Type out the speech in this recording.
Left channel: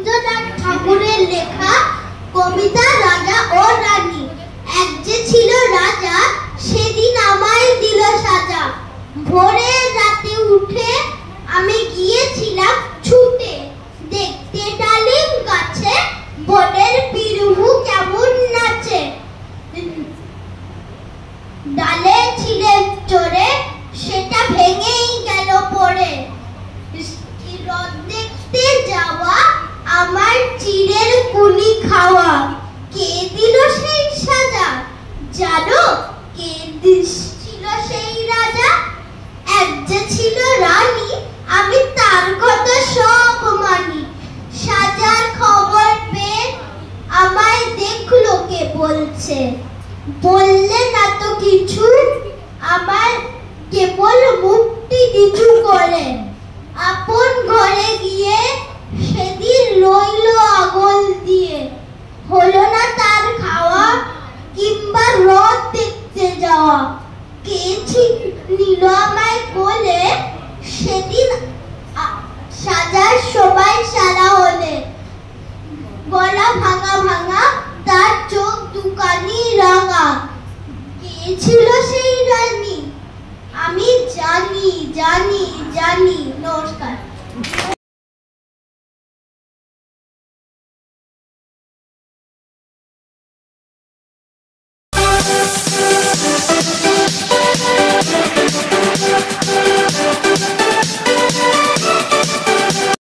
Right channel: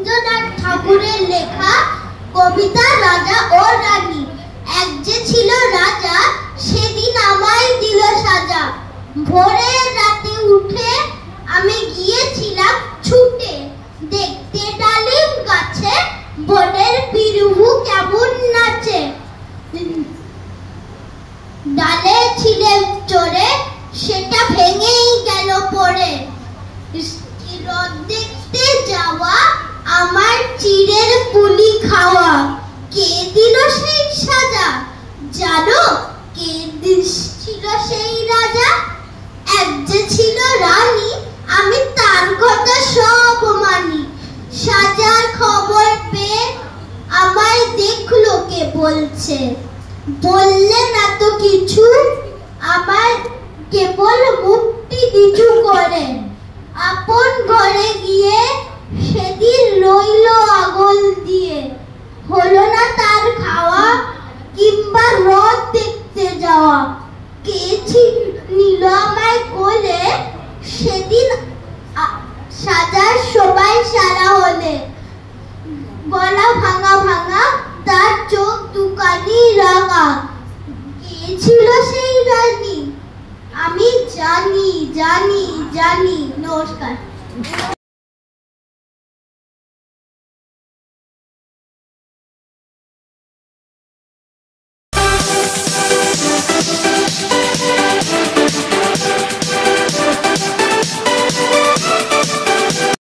রবীন্দ্রনাথ ঠাকুরের লেখা কবিতা রাজা ও রানী। এক যে ছিল রাজা, সেদিন আমায় দিল সাজা। ভোরের রাতে উঠে আমি গিয়েছিলাম ছুটে, দেখতে ডালিম গাছে বনের পিরুহু কেমন নাচে। ডালে ছিলে চড়ে, সেটা ভেঙেই গেল পড়ে। রথ দেখতে যাওয়া, আমার চিড়ের পুলি খাওয়া। কে দিল সেই সাজা? জানো কে ছিল সেই রাজা? এক যে ছিল রানী, আমি তার কথা সব মানি। সাজার খবর পেয়ে আমায় দেখলো কে বলছে, বললে না তো কিছু, আমার কেবল মুক্তি নিচু করে। আপন ঘরে গিয়ে সেদিন রইল আগল দিয়ে, হলো না তার খাওয়া কিংবা রথ দেখতে যাওয়া। কে নিল আমায় কোলে, সেদিন সাজার সবাই সারা হলে। গলা ভাঙা ভাঙা, তার চোখ দুখানি রাঙা। কে ছিল সেই রানী? আমি জানি জানি জানি। নমস্কার।